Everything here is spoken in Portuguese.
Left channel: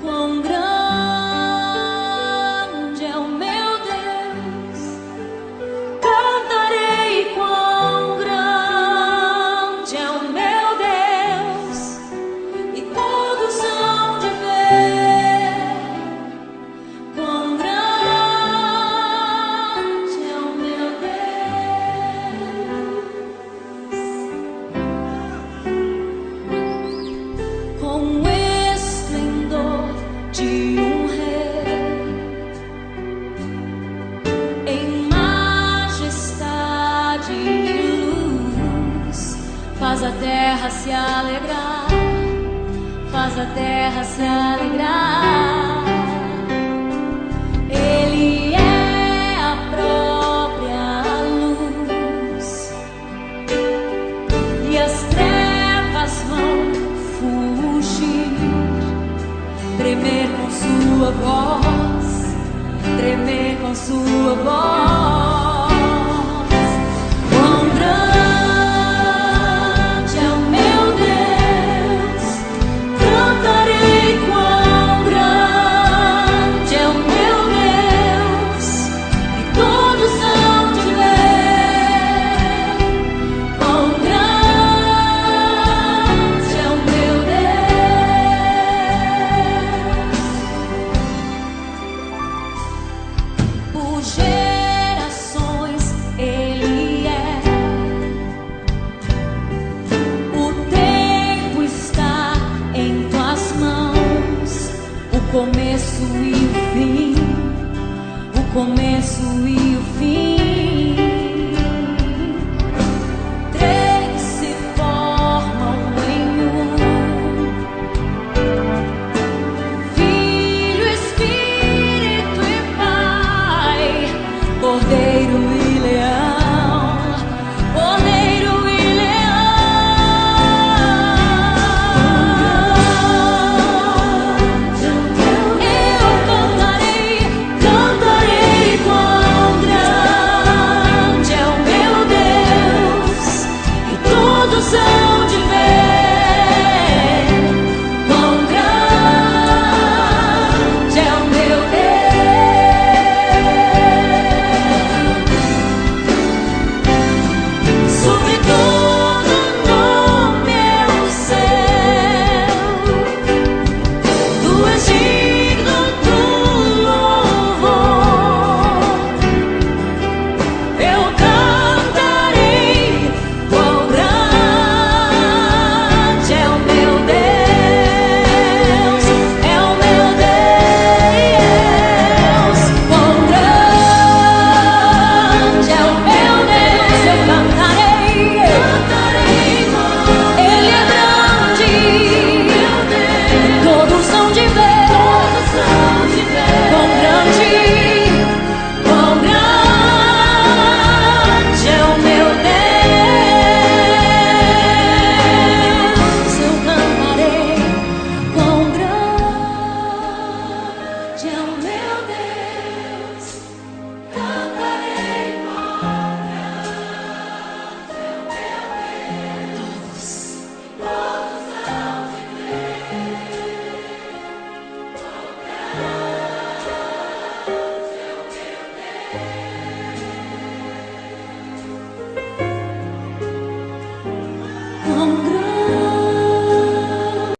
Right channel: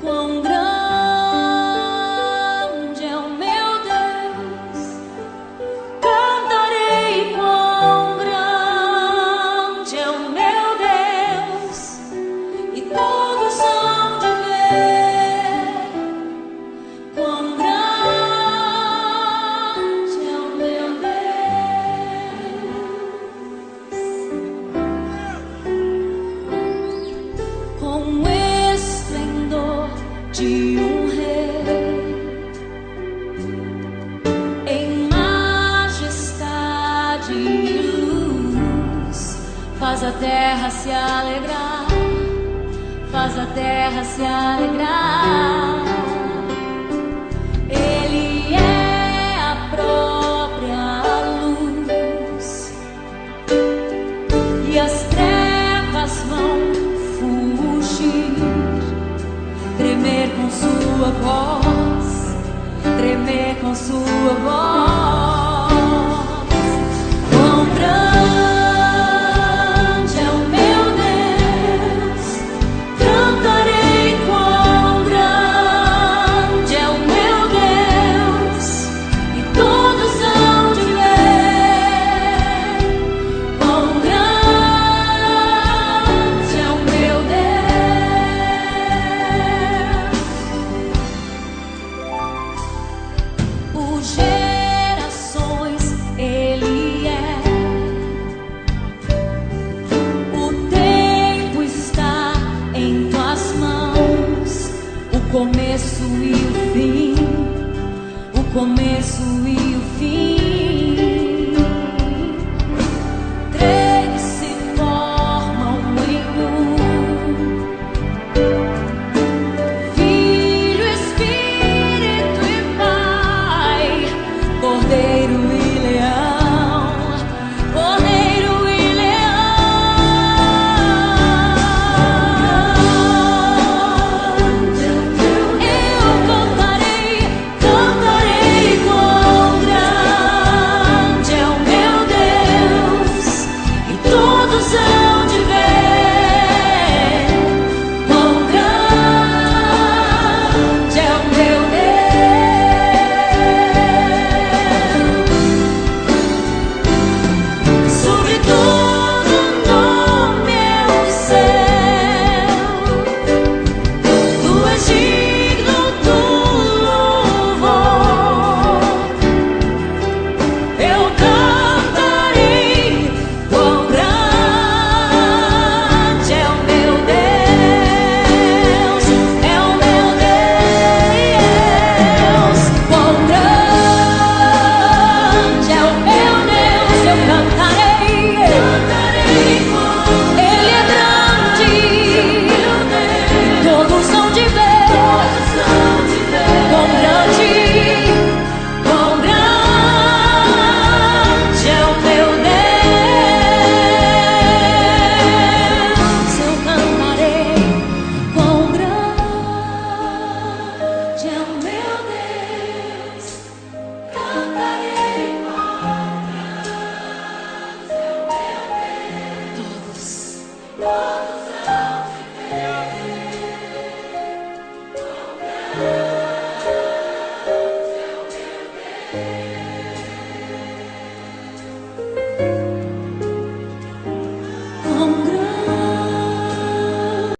Quão grande é o meu Deus, cantarei quão grande é o meu Deus, e todos hão de ver quão grande é o meu Deus. Com esplendor de um rei, em majestade e luz, faz a terra se alegrar, faz a terra se alegrar. Ele é a própria luz, e as trevas vão fugir, tremer com sua voz, tremer com sua voz. Quão grande é o meu Deus, cantarei quão grande é o meu Deus, e todos hão de ver quão grande é o meu Deus. Por gerações Ele é, o tempo está em tuas mãos, o começo e o fim, o começo e o fim.